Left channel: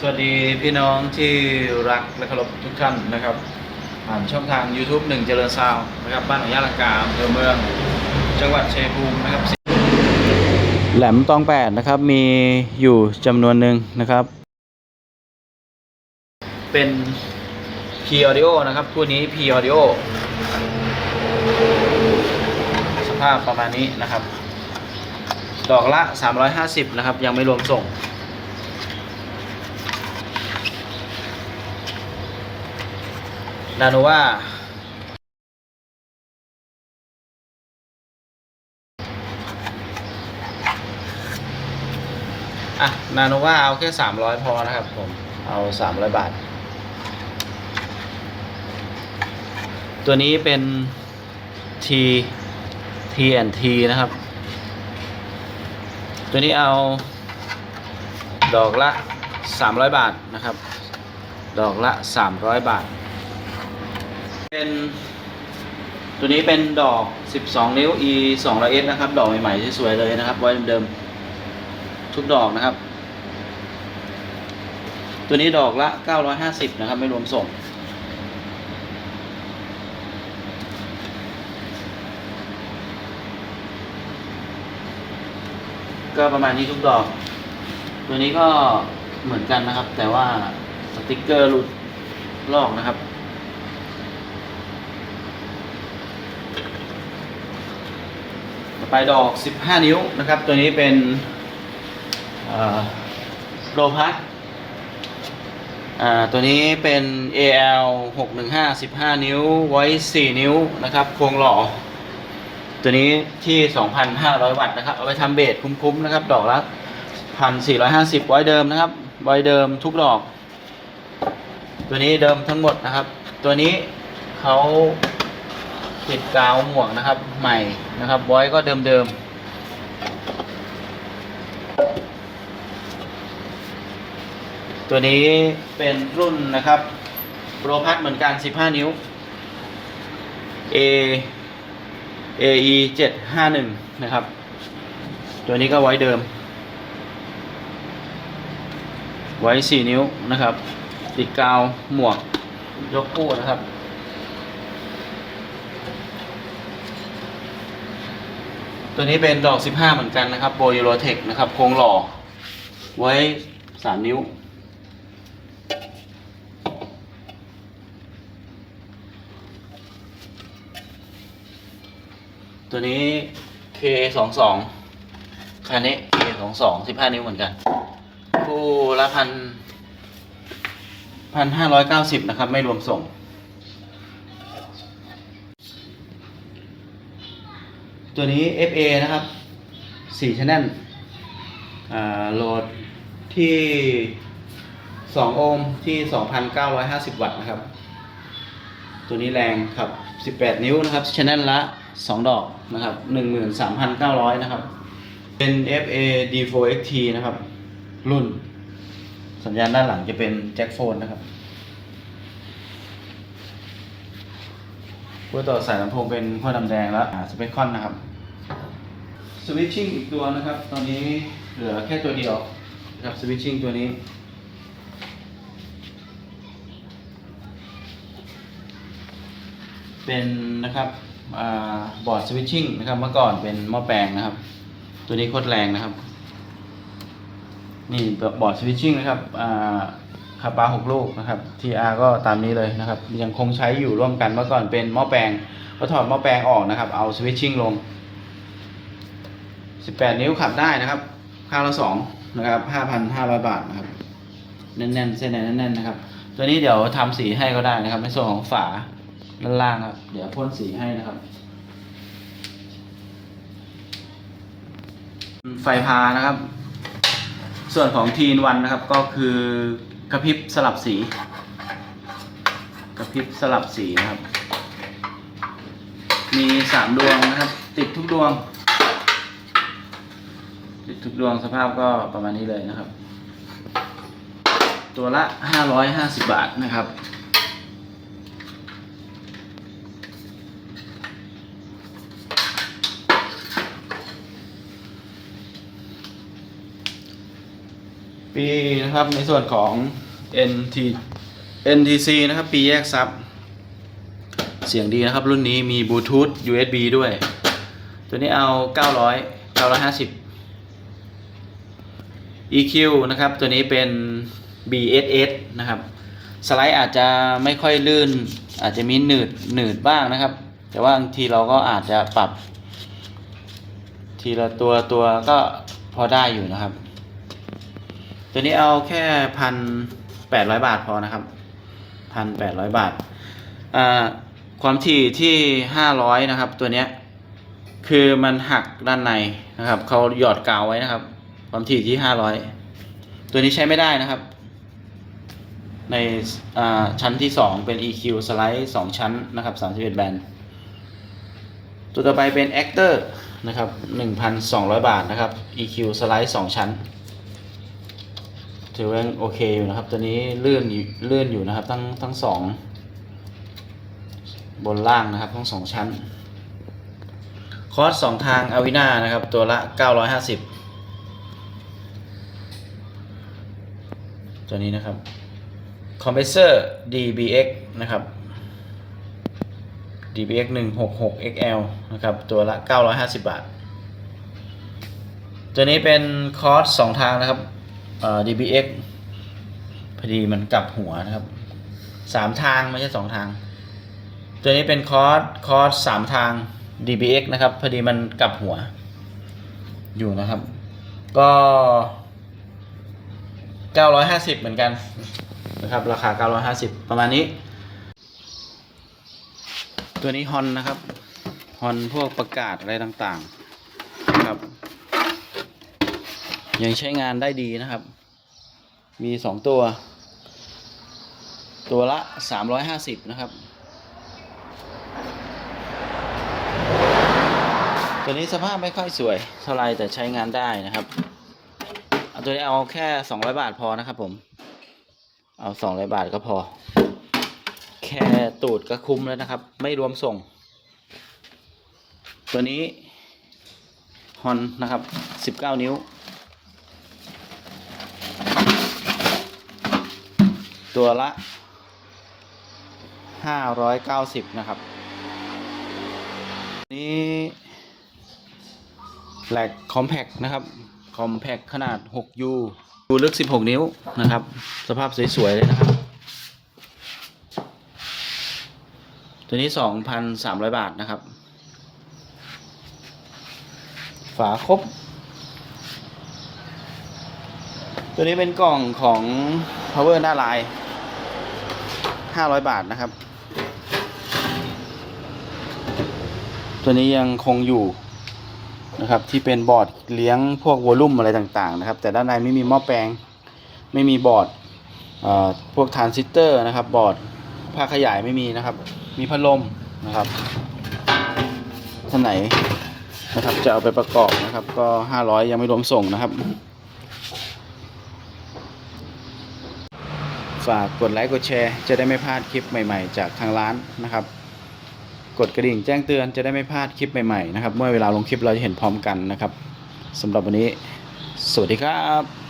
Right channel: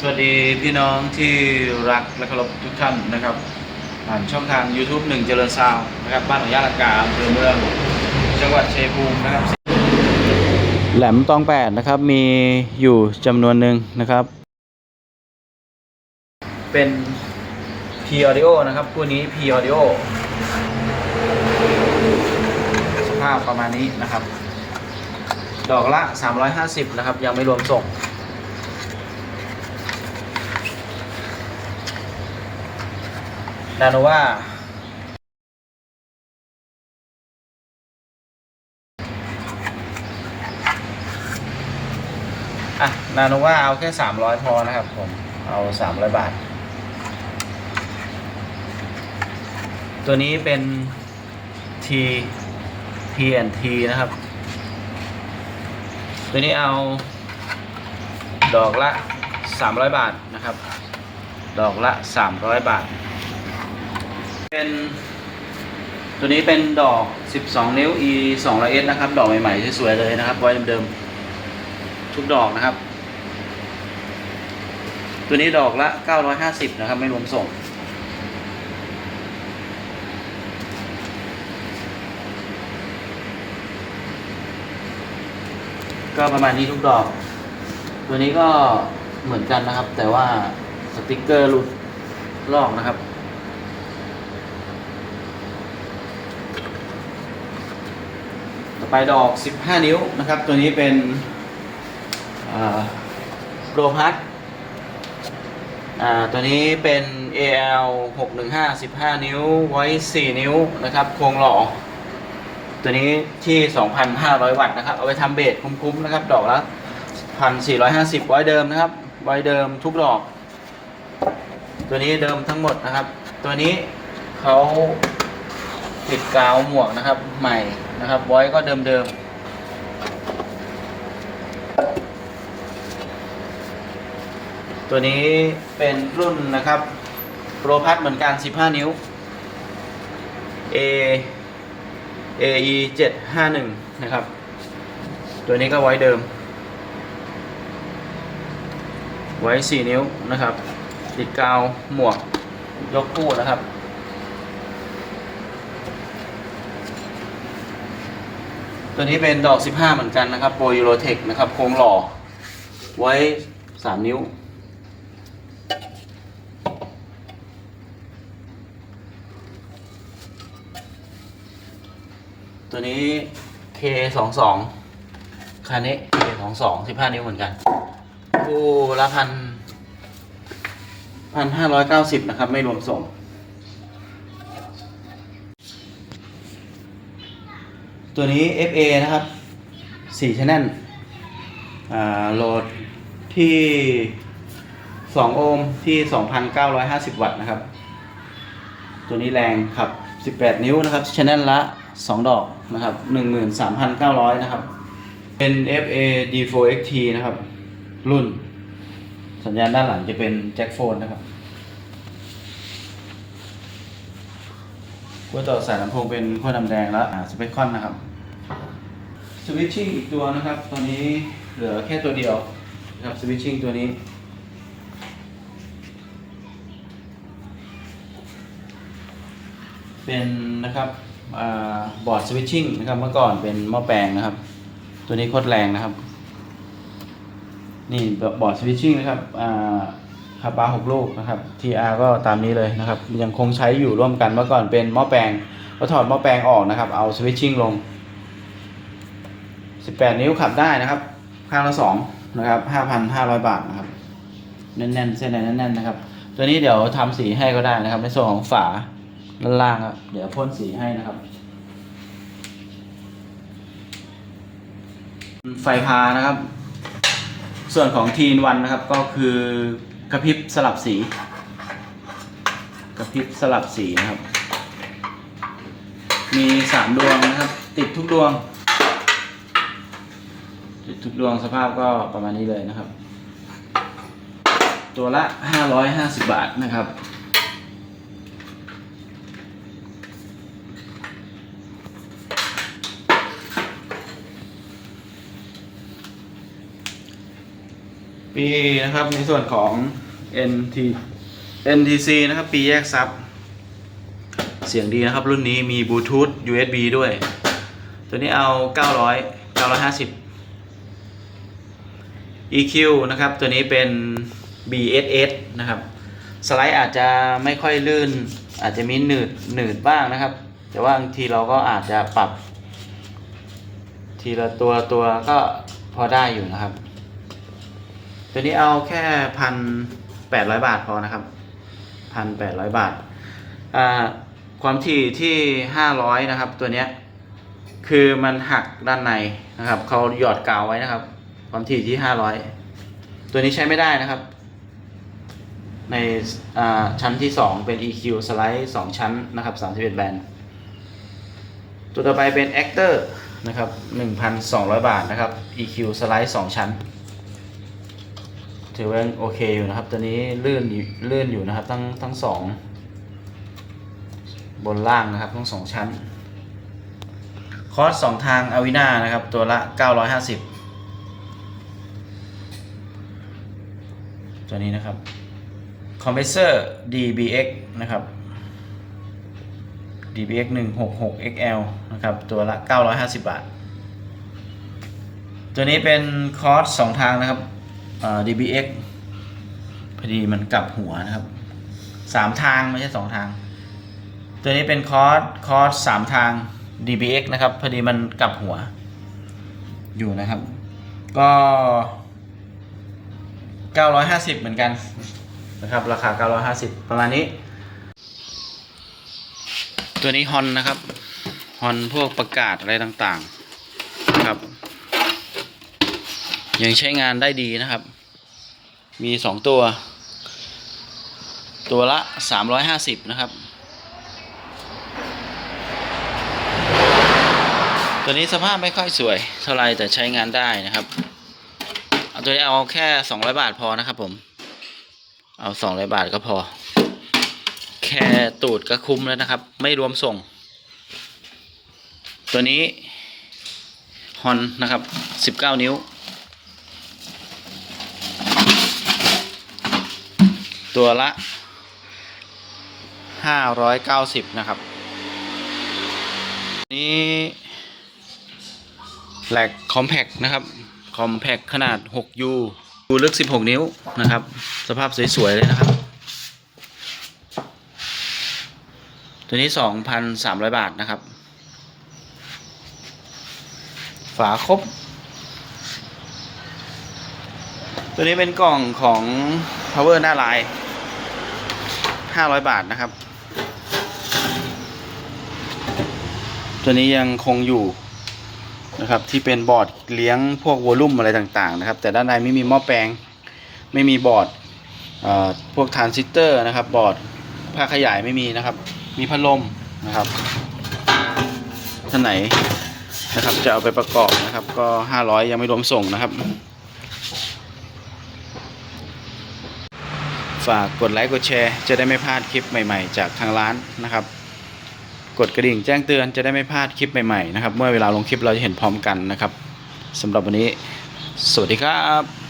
สวัสดีพี่น้องที่รักและเคารพทุกท่านนะครับ ผ่านช่องทาง YouTube หนึ่งเจริญซาวน์นะครับ บ้านหนองยาลังกาอำเภอเมืองจังหวัดชัยภูมินะครับ แหลมตองแปดนะครับมีอยู่จำนวนหนึ่งนะครับ เป็น P Audio นะครับ คู่นี้ P Audio สภาพประมาณนี้นะครับ ดอกละ 350 นะครับ ยังไม่รวมส่ง ดานว่าอะนาโนว่าเอาแค่300พอนะครับผม เอา300บาท ตัวนี้เป็น T TNT นะครับ ตัวนี้เอาดอกละ300บาทนะครับ ดอกละ300บาท เป็นตัวนี้เป็นดอก 12 นิ้ว E 2 0 S นะครับ ดอกใหม่ๆสวยๆเลยนะครับ ไว้เดิมๆทุกดอกนะครับ ตัวนี้ดอกละ 950 นะครับ ไม่รวมส่ง ก็ประมาณนี้ทุกดอก ตัวนี้ก็เหมือนกันนะครับ แต่ว่าสติกเกอร์หลุดลอกนะครับ ต่อไปดอก 15 นิ้วนะครับ ตัวนี้เป็นโลพัทตัวนี้เป็น AL 615 15 นิ้วไว้ 4 นิ้วนะครับโครงหล่อ ตัวนี้ที่ 2,500 วัตต์นะครับ เอาไปทำเบสคุ้มๆนะครับ ดอกละ1,450 ไว้เดิมนะครับ ไว้เดิมทุกดอก ตัวนี้เดิมทั้งหมดนะครับ ตัวนี้เขาติดกาวหมวกนะครับใหม่ นะครับไว้ก็เดิมเดิมตัวนี้เป็นรุ่นนะครับโปรพัทเหมือนกัน 15 นิ้ว A AE 751 นะครับ ตัวนี้ก็ไว้เดิม ไว้ 4 นิ้วนะครับ ติดกาวหมวกยกคู่นะครับ ตัวนี้เป็นดอก 15 เหมือนกันนะครับโปรยูโรเทคนะครับโครงหล่อ ไว้ 3 นิ้ว ตัวนี้ K22 คันนี้ K22 15 นิ้วเหมือนกันคู่ละพันพันห้าร้อยเก้าสิบนะครับ ไม่รวมส่ง ตัวนี้ FA นะครับ4 channel อ่าโหลดที่ 2 โอห์มที่ 2,950 วัตต์นะครับ ตัวนี้แรงครับ 18 นิ้วนะครับ channel ละ 2 ดอกนะครับ 13,900 นะครับ เป็น FA D4XT นะครับ รุ่น สัญญาณด้านหลังจะเป็นแจ็คโฟนนะครับขั้วต่อสายลำโพงเป็นขั้วดำแดงแล้วสเปคคอนนะครับ สวิตชิ่งอีกตัวนะครับ ตอนนี้เหลือแค่ตัวเดียวนะครับสวิตชิ่งตัวนี้ เป็นนะครับอบอร์ดสวิตชิ่งนะครับเมื่อก่อนเป็นหม้อแปลงนะครับ ตัวนี้โคตรแรงนะครับ นี่บอร์ดสวิตชิ่งนะครับอ่าคาปาหกลูกนะครับ TR ก็ตามนี้เลยนะครับ ยังคงใช้อยู่ร่วมกันเมื่อก่อนเป็นหม้อแปลงก็ถอดหม้อแปลงออกนะครับ เอาสวิตชิ่งลง 18 นิ้วขับได้นะครับ ข้างละ2นะครับ 5,500 บาทนะครับ แน่นๆ เส้นแน่นๆนะครับ ตัวนี้เดี๋ยวทำสีให้ก็ได้นะครับ ในส่วนของฝาด้านล่างครับ เดี๋ยวพ่นสีให้นะครับ ไฟพานะครับ ส่วนของทีนวันนะครับก็คือกระพริบสลับสี กระพริบสลับสีนะครับ มีสามดวงนะครับ ติดทุกดวง ทุกดวงสภาพก็ประมาณนี้เลยนะครับ ตัวละ 550 บาทนะครับ ปีนะครับในส่วนของ NT NTC นะครับปีแยกซับ เสียงดีนะครับ รุ่นนี้มีบลูทูธ USB ด้วย ตัวนี้เอา 900 950 EQ นะครับ ตัวนี้เป็น BSS นะครับ สไลด์อาจจะไม่ค่อยลื่น อาจจะมีหนืดหนืดบ้างนะครับ แต่ว่าบางทีเราก็อาจจะปรับ ทีละตัวตัวก็พอได้อยู่นะครับ ตัวนี้เอาแค่พันแปดร้อยบาทพอนะครับพันแปดร้อยบาท ความถี่ที่ห้าร้อยนะครับ ตัวเนี้ยคือมันหักด้านในนะครับเขาหยอดกาวไว้นะครับ ความถี่ที่ห้าร้อยตัวนี้ใช้ไม่ได้นะครับ ในชั้นที่สองเป็น EQ สไลด์สองชั้นนะครับ31แบนด์ตัวต่อไปเป็น Actor นะครับ1,200บาทนะครับ EQ สไลด์2ชั้นถือว่าโอเคอยู่นะครับ ตัวนี้ลื่นอยู่ลื่นอยู่นะครับทั้งทั้งสองบนล่างนะครับทั้งสองชั้น คอร์สสองทางอาวินานะครับ ตัวละ 950 ตัวนี้นะครับคอมเพรสเซอร์ DBX นะครับ DBX 166 XL นะครับ ตัวละ 950 บาท ตัวนี้เป็นคอร์สสองทางนะครับ DBX พอดีมันกลับหัวนะครับสามทางไม่ใช่สองทาง ตัวนี้เป็นคอร์สคอร์สสามทาง DBX นะครับ พอดีมันกลับหัวอยู่นะครับ ก็ 950 เหมือนกันนะครับ ราคา 950 ประมาณนี้ ตัวนี้ฮอนนะครับฮอนพวกประกาศอะไรต่างๆนะครับ ยังใช้งานได้ดีนะครับ มีสองตัว ตัวละสามร้อยห้าสิบนะครับ ตัวนี้สภาพไม่ค่อยสวยเท่าไรแต่ใช้งานได้นะครับ เอาตัวนี้เอาแค่สองร้อยบาทพอนะครับผม เอาสองร้อยบาทก็พอ แค่ตูดก็คุ้มแล้วนะครับ ไม่รวมส่ง ตัวนี้ฮอนนะครับ19นิ้ว ตัวละ590นะครับ นี้แหลกคอมแพกนะครับ คอมแพกขนาด 6U ดูลึก 16 นิ้วนะครับ สภาพสวย ๆ เลยนะครับ ตัวนี้สองพันสามร้อยบาทนะครับ ฝาครบ ตัวนี้เป็นกล่องของ power หน้าลายห้าร้อยบาทนะครับ ตัวนี้ยังคงอยู่ นะครับที่เป็นบอร์ดเลี้ยงพวกวอลลุ่มอะไรต่างๆนะครับ แต่ด้านในไม่มีหม้อแปลง ไม่มีบอร์ดพวกทรานซิสเตอร์นะครับบอร์ดผ้าขยายไม่มีนะครับ มีพัดลมนะครับท่านไหนนะครับจะเอาไปประกอบนะครับ ก็ 500 ยังไม่รวมส่งนะครับ ฝากกดไลค์กดแชร์ จะได้ไม่พลาดคลิปใหม่ๆ จากทางร้านนะครับ กดกระดิ่งแจ้งเตือนจะได้ไม่พลาดคลิปใหม่ๆนะครับ เมื่อเวลาลงคลิปเราจะเห็นพร้อมกันนะครับสำหรับวันนี้ สวัสดีครับ